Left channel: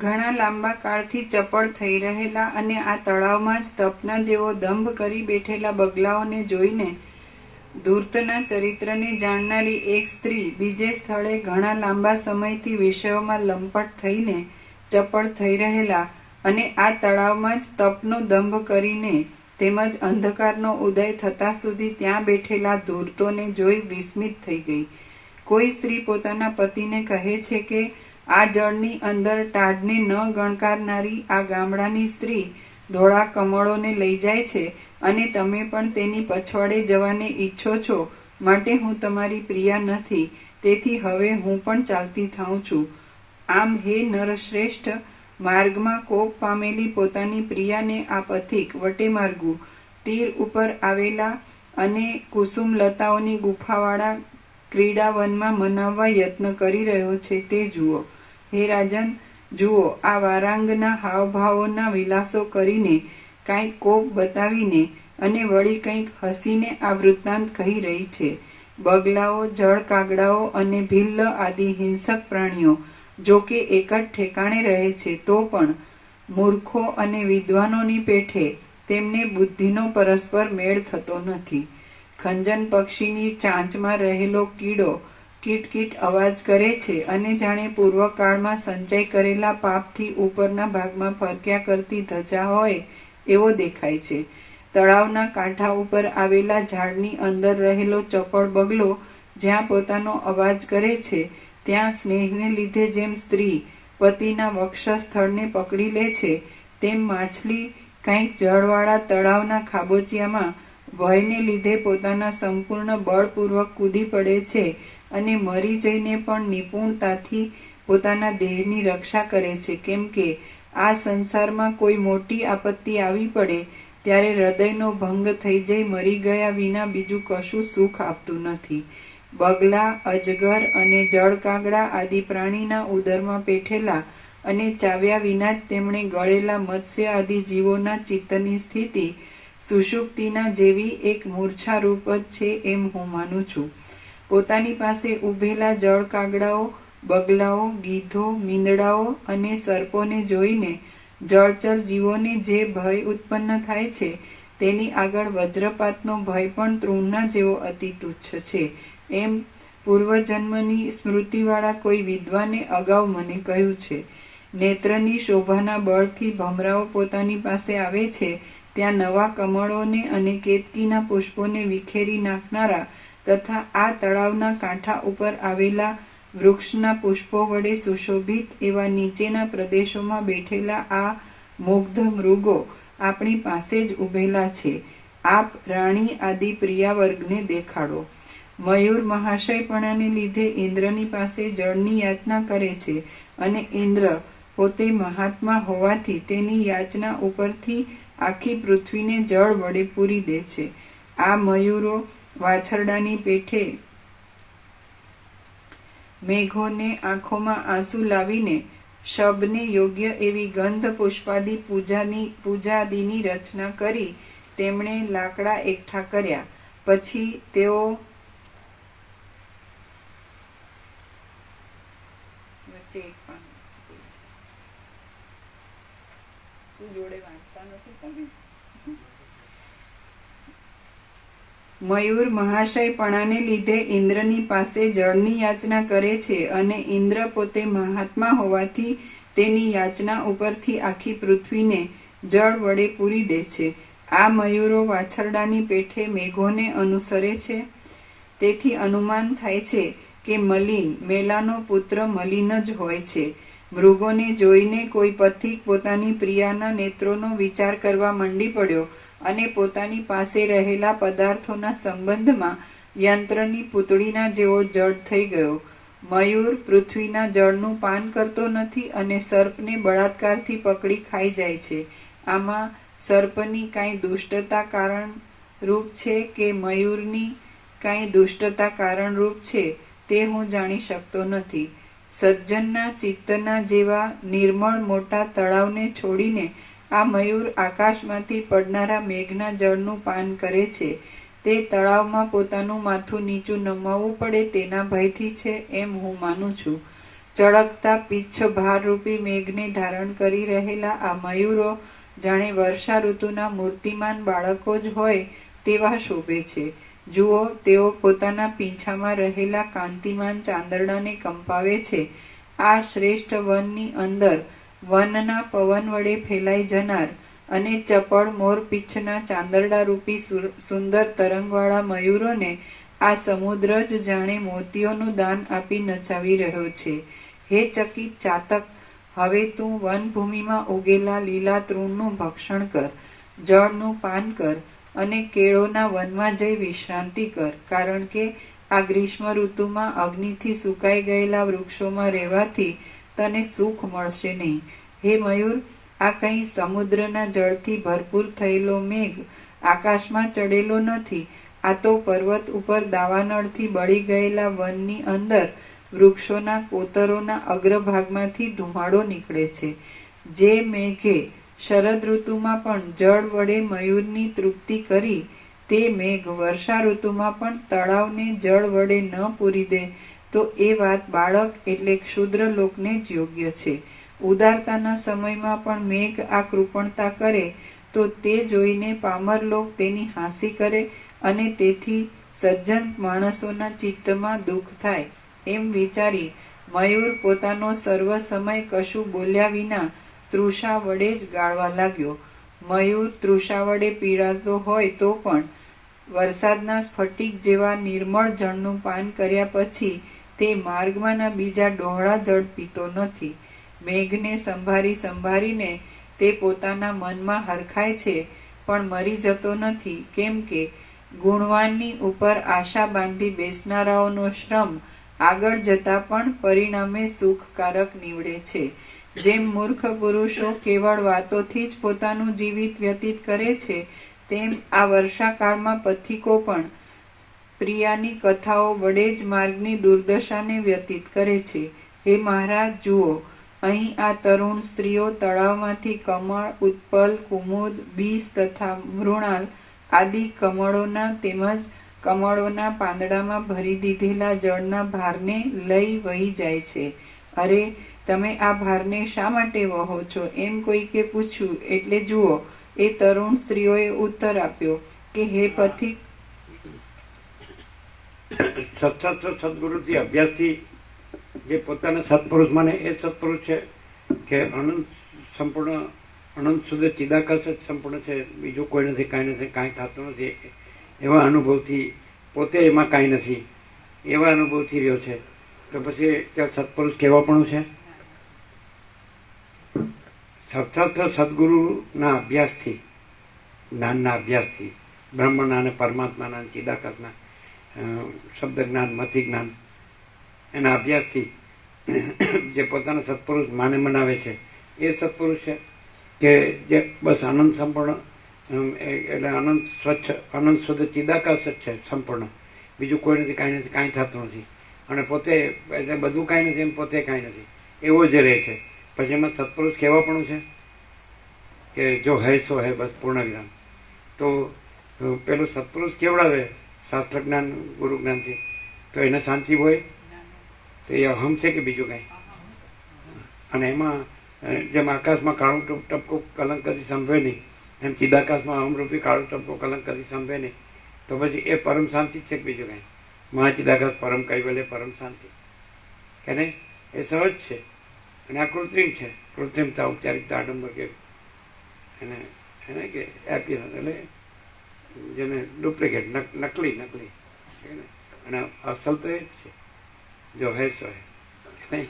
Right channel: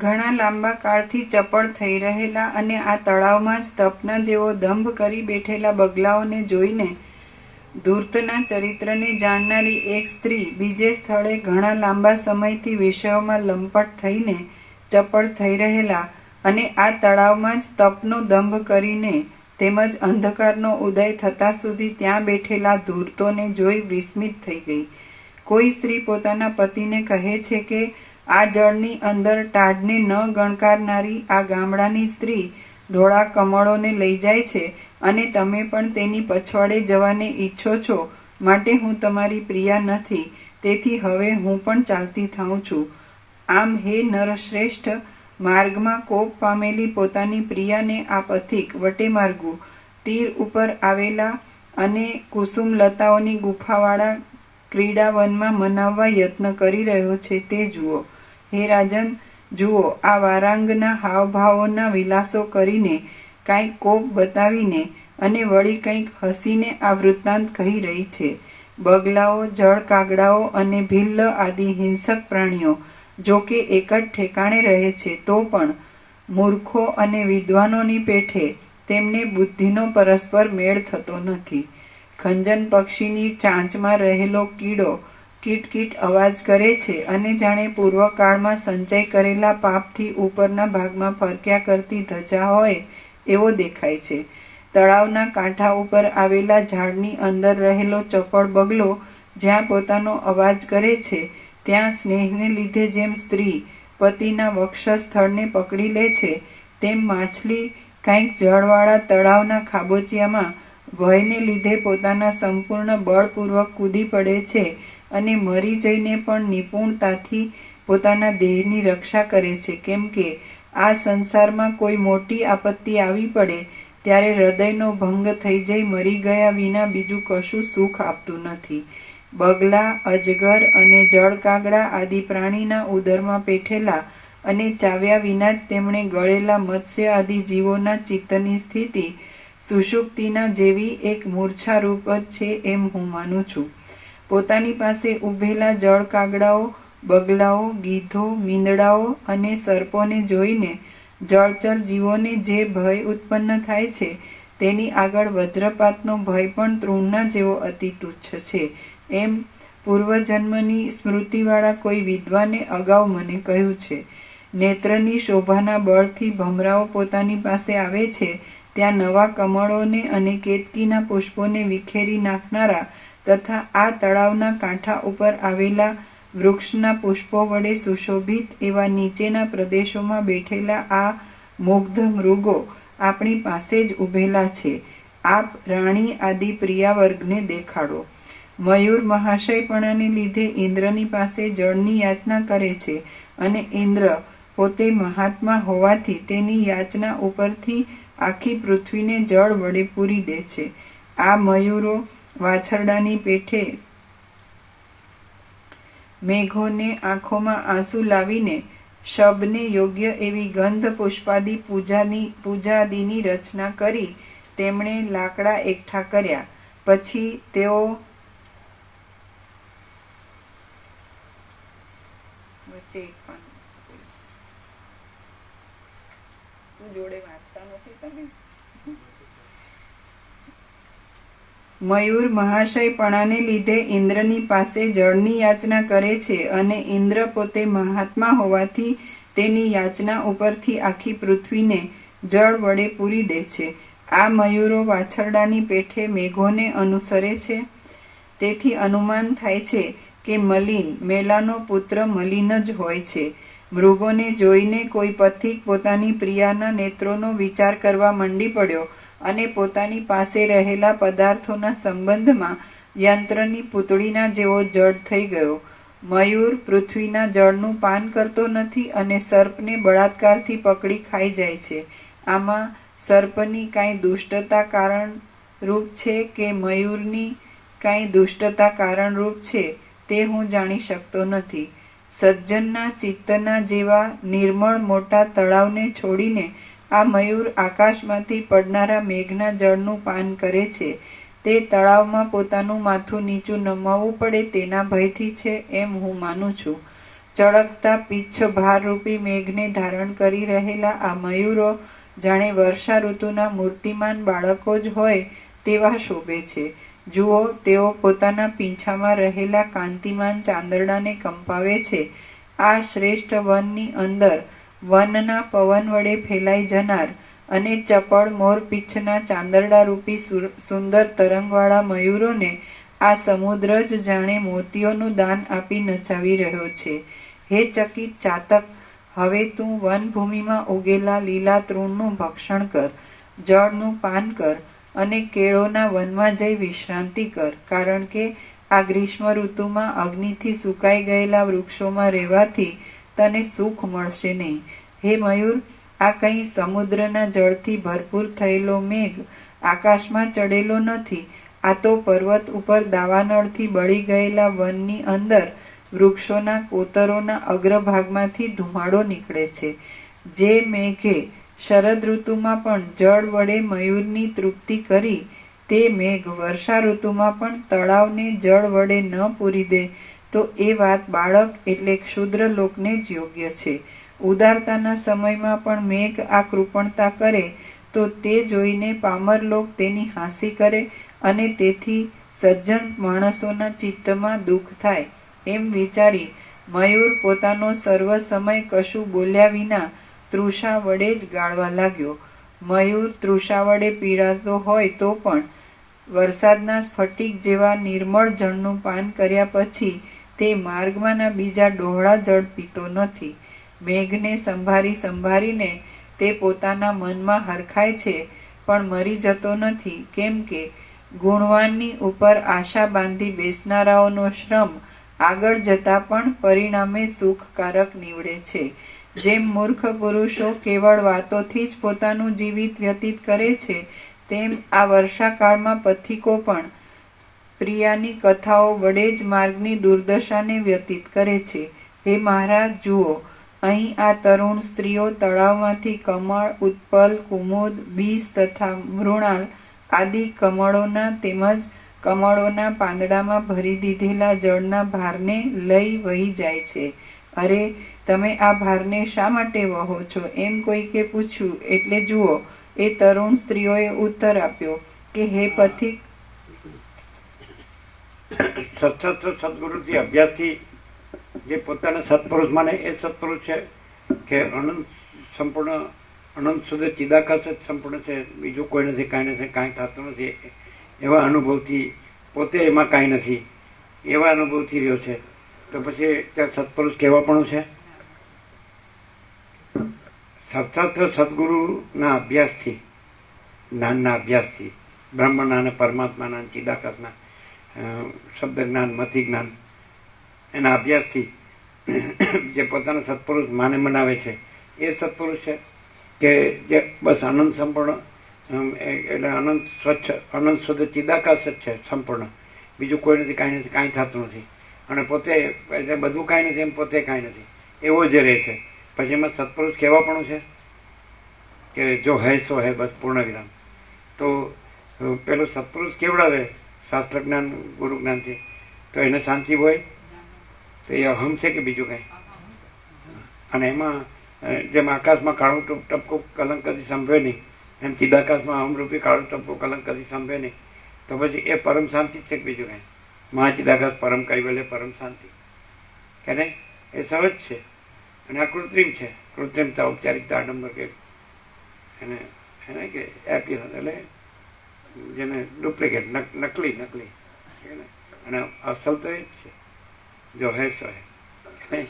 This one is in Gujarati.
ઘણા લાંબા કાળથી ચપળ થઈ રહેલા અને આ તળાવમાં જ તપના જેવો દંભ કરી બેઠેલા બગલાઓને જોઈને ધૂર્તના ચરિત્રને જાણનારી એક સ્ત્રી બીજે સ્થળે ઘણા લાંબા સમયથી વિષયોમાં લંપટ થઈને ચપળ થઈ રહેલા અને આ તળાવમાં જ તપનો દંભ કરીને તેમજ અંધકારનો ઉદય થતા સુધી ત્યાં બેઠેલા ધૂર્તોને જોઈ વિસ્મિત થઈ ગઈ. કોઈ સ્ત્રી પોતાના પતિને કહે છે કે આ જળની અંદર ટાઢને ન ગણકારનારી આ ગામડાની સ્ત્રી ધોળા કમળોને લઈ જાય છે અને તમે પણ તેની પછવાડે જવાને ઈચ્છો છો, માટે હું તમારી પ્રિયા નથી, તેથી હવે હું પણ ચાલતી થાઉં છું. આમ હે નરશ્રેષ્ઠ, માર્ગમાં કોપ પામેલી પોતાની પ્રિયાને આ પથિક વટેમાર્ગુ તીર ઉપર આવેલા અને કુસુમલતાઓની ગુફાવાળા ક્રીડાવનમાં મનાવવા યત્ન કરી રહ્યો છે તે જુઓ. હે રાજન, જુઓ, આ વારાંગના હાવભાવોના વિલાસો કરીને, કાંઈક કોપ બતાવીને અને વળી કંઈક હસીને આ વૃત્તાંત કહી રહી છે. બગલાઓ, જળ કાગડાઓ અને ભિલ્લ આદિ હિંસક પ્રાણીઓ જો કે એક જ ઠેકાણે રહે છે, તો પણ મૂર્ખો અને વિદ્વાનોની પેઠે તેમને બુદ્ધિનો પરસ્પર મેળ થતો નથી. ખંજન પક્ષીની ચાંચમાં રહેલો કીડો કીટ અવાજ કરે છે અને જાણે પૂર્વકાળમાં સંચય કરેલા પાપથી ઉપરના ભાગમાં ફરક્યા કરતી ધજા હોય એવો દેખાય છે. તળાવના કાંઠા ઉપર આવેલા ઝાડની અંદર રહેલો ચપળ બગલો જ્યાં પોતાનો અવાજ કરે છે, ત્યાં સ્નેહને લીધે જેમ સ્ત્રી પતિના વક્ષસ્થળને પકડી લે છે, તેમ માછલી કંઈક જળવાળા તળાવના ખાબોચિયામાં ભયને લીધે પોતાના સંપૂર્ણ બળપૂર્વક કૂદી પડે છે અને મરી જઈને પણ નિપુણતાથી પોતાના દેહની રક્ષા કરે છે. કેમ કે આ સંસારમાં કોઈ મોટી આપત્તિ આવી પડે ત્યારે હૃદયનો ભંગ થઈ જઈ મરી ગયા વિના બીજું કશું સુખ આપતું નથી. બગલા, અજગર અને જળકાગડા આદિ પ્રાણીના ઉદરમાં પેઠેલા અને ચાવ્યા વિના જ તેમણે ગળેલા મત્સ્ય આદિ જીવોના ચિત્તની સ્થિતિ સુષુપ્તિના જેવી એક મૂર્છા રૂપ જ છે એમ હું માનું છું. પોતાની પાસે ઊભેલા જળ કાગડાઓ, બગલાઓ, ગીધો, મીંદડાઓ અને સર્પોને જોઈને જળચર જીવોને જે ભય ઉત્પન્ન થાય છે તેની આગળ વજ્રપાતનો ભય પણ તૃણના જેવો અતિ તુચ્છ છે એમ પૂર્વજન્મની સ્મૃતિવાળા કોઈ વિદ્વાને અગાઉ મને કહ્યું છે. નેત્રની શોભાના બળથી ભમરાઓ પોતાની પાસે આવે છે ત્યાં નવા કમળોને અને કેતકીના પુષ્પોને વિખેરી નાખનારા તથા આ તળાવના કાંઠા ઉપર આવેલા વૃક્ષના પુષ્પો વડે સુશોભિત એવા નીચેના પ્રદેશોમાં બેઠેલા આ મુગ્ધ મૃગો આપણી પાસે જ ઊભેલા છે. આપ રાણી આદિ પ્રિયાવર્ગને દેખાડો. મયુર મહાશયપણાને લીધે ઇન્દ્રની પાસે જળની યાચના કરે છે અને ઇન્દ્ર પોતે મહાત્મા હોવાથી તેની યાચના ઉપરથી આખી પૃથ્વીને જળ વડે પૂરી દે છે. આ મયુરો વાછરડાની પેઠે મેઘોને આંખોમાં આંસુ લાવીને શબને યોગ્ય એવી ગંધ પુષ્પાદિ પૂજાદિની રચના કરી તેમણે લાકડા એકઠા કર્યા. પછી તેઓ જોડે વાંચતા નથી તમે. મયુર મહાશયપણાને લીધે ઇન્દ્રની પાસે જળની યાચના કરે છે અને ઇન્દ્ર પોતે મહાત્મા હોવાથી તેની યાચના ઉપરથી આખી પૃથ્વીને જળ વડે પૂરી દે છે. આ મયુરો વાછરડાની પેઠે મેઘોને અનુસરે છે. તેથી અનુમાન થાય છે કે મલિન મેલાનો પુત્ર મલિન જ હોય છે. મૃગોને જોઈને કોઈ પથિક પોતાની પ્રિયાના નેત્રોનો વિચાર કરવા મંડી પડ્યો અને પોતાની પાસે રહેલા પદાર્થોના સંબંધમાં યંત્રની પૂતળીના જેવો જડ થઈ ગયો. મયુર પૃથ્વીના જળનું પાન કરતો નથી અને સર્પને બળાત્કારથી પકડી ખાઈ જાય છે. આમાં સર્પની કાંઈ દુષ્ટતા કારણરૂપ છે કે મયુરની કાંઈ દુષ્ટતા કારણરૂપ છે તે હું જાણી શકતો નથી. સજ્જનના ચિત્તના જેવા નિર્મળ મોટા તળાવને છોડીને આ મયુર આકાશમાંથી પડનારા મેઘના જળનું પાન કરે છે. તે તળાવમાં પોતાનું માથું નીચું નમાવવું પડે તેના ભયથી છે એમ હું માનું છું. ચળકતા પીચ્છ ભારરૂપી મેઘને ધારણ કરી રહેલા આ મયુરો જાણે વર્ષા ઋતુના મૂર્તિમાન બાળકો જ હોય તેવા શોભે છે. જુઓ, તેઓ પોતાના પીંછામાં રહેલા કાંતિમાન ચાંદરડાને કંપાવે છે. આ શ્રેષ્ઠ વનની અંદર વનના પવન વડે ફેલાઈ જનાર અને ચપળ મોરપીંછના ચાંદરડારૂપી સુંદર તરંગવાળા મયુરોને આ સમુદ્ર જ જાણે મોતીઓનું દાન આપી નચાવી રહ્યો છે. હે ચકિત ચાતક, હવે તું વનભૂમિમાં ઉગેલા લીલા તૃણનું ભક્ષણ કર, જળનું પાન કર અને કેળોના વનમાં જઈ વિશ્રાંતિ કર, કારણ કે આ ગ્રીષ્મ ઋતુમાં અગ્નિથી સુકાઈ ગયેલા વૃક્ષોમાં રહેવાથી તને સુખ મળશે નહીં. હે મયુર, આ કંઈ સમુદ્રના જળથી ભરપૂર થયેલો મેઘ આકાશમાં ચડેલો નથી. આ તો પર્વત ઉપર દાવાનળથી બળી ગયેલા વનની અંદર વૃક્ષોના કોતરોના અગ્રભાગમાંથી ધુમાડો નીકળે છે. જે મેઘે શરદ ઋતુમાં પણ જળ વડે મયુરની તૃપ્તિ કરી, તે મેઘ વર્ષા ઋતુમાં પણ તળાવને જળ વડે ન પૂરી દે તો એ વાત બાળક એટલે ક્ષુદ્ર લોકને જ યોગ્ય છે. ઉદારતાના સમયમાં પણ મેઘ આ કૃપણતા કરે તો તે જોઈને પામર લોક તેની હાંસી કરે અને તેથી સજ્જન માણસોના ચિત્તમાં દુઃખ થાય. એમ વિચારી મયુર પોતાનો સર્વ સમય કશું બોલ્યા વિના તૃષા વડે જ ગાળવા લાગ્યો. મયુર તૃષા વડે પીડાતો હોય તો પણ વરસાદના સ્ફટિક જેવા નિર્મળ જળનું પાન કર્યા પછી તે માર્ગમાંના બીજા ડહોળા જળ પીતો નથી. મેઘને સંભાળીને તે પોતાના મનમાં હરખાય છે, પણ મરી જતો નથી, કેમ કે ગુણવાનની ઉપર આશા બાંધી બેસનારાઓનો શ્રમ આગળ જતા પણ પરિણામે સુખકારક નીવડે છે. જેમ મૂર્ખ પુરુષો કેવળ વાતોથી જ પોતાનું જીવિત વ્યતીત કરે છે, તેમ આ વર્ષાકાળમાં પથિકો પણ પ્રિયાની કથાઓ વડે જ માર્ગની દુર્દશાને વ્યતીત કરે છે. હે મહારાજ, જુઓ, અહીં આ તરુણ સ્ત્રીઓ તળાવમાંથી કમળ, ઉત્પલ, કુમુદ, બીસ તથા મૃણાલ આદિ કમળોના તેમજ કમળોના પાંદડામાં ભરી દીધેલા જળના ભારને લઈ વહી જાય છે. અરે, તમે આ ભારને શા માટે વહો છો? એમ કોઈકે પૂછ્યું. એટલે જુઓ, એ તરુણ સ્ત્રીઓએ ઉત્તર આપ્યો કે હે પથિક, સત્સત્ર સદગુરુથી અભ્યાસથી જે પોતાના સત્પુરુષ માને એ સત્પુરુષ છે કે અનંત સંપૂર્ણ અનંત સુધી ચિદાકાશ જ સંપૂર્ણ છે, બીજું કોઈ નથી, કાંઈ નથી, કાંઈ થતું નથી, એવા અનુભવથી પોતે એમાં કાંઈ નથી એવા અનુભવથી રહ્યો છે. તો પછી ત્યાં સત્પુરુષ કહેવાપણું છે. સત્સત્ર સદગુરુના અભ્યાસથી, જ્ઞાનના અભ્યાસથી, બ્રહ્મના અને પરમાત્માના ચિદાકાશના શબ્દ જ્ઞાન, મતિ જ્ઞાન, એના અભ્યાસથી જે પોતાના સત્પુરુષ માને મનાવે છે એ સત્પુરુષ છે કે જે બસ આનંદ સંપૂર્ણ એટલે અનંત સ્વચ્છ અનંત શુદ્ધ ચિદાકાશ જ છે સંપૂર્ણ, બીજું કોઈ નથી, કાંઈ નથી, કાંઈ થતું નથી, અને પોતે એટલે બધું કાંઈ નથી, એમ પોતે કાંઈ નથી, એવો જ રહે છે. પછી એમાં સત્પુરુષ કહેવાપણું છે કે જો હૈ સો હૈ, બસ પૂર્ણ વિરામ. તો પેલું સત્પુરુષ કેવડાવે શાસ્ત્ર જ્ઞાન, ગુરુ જ્ઞાનથી, તો એને શાંતિ હોય તો એ અહમ છે કે બીજું કાંઈ? અને એમાં જેમ આકાશમાં કાળું ટપકો કલંક કદી સંભવે નહીં, એમ ચિદાકાશમાં અહમરૂપી કાળું ટપકો કલંક કદી સંભવે નહીં. તો પછી એ પરમ શાંતિ જ છે કે બીજું કાંઈ? મહાચિદાકાશ પરમ કૈવલ્ય પરમ શાંતિ કે નહીં? એ સહજ છે અને આ કૃત્રિમ છે. કૃત્રિમતા, ઔપચારિકતા, આડંબર કે એને કે એપી એટલે જેને ડુપ્લિકેટ, નકલી અને અસલ તો એ જ છે, જો હે સો હે, નહીં?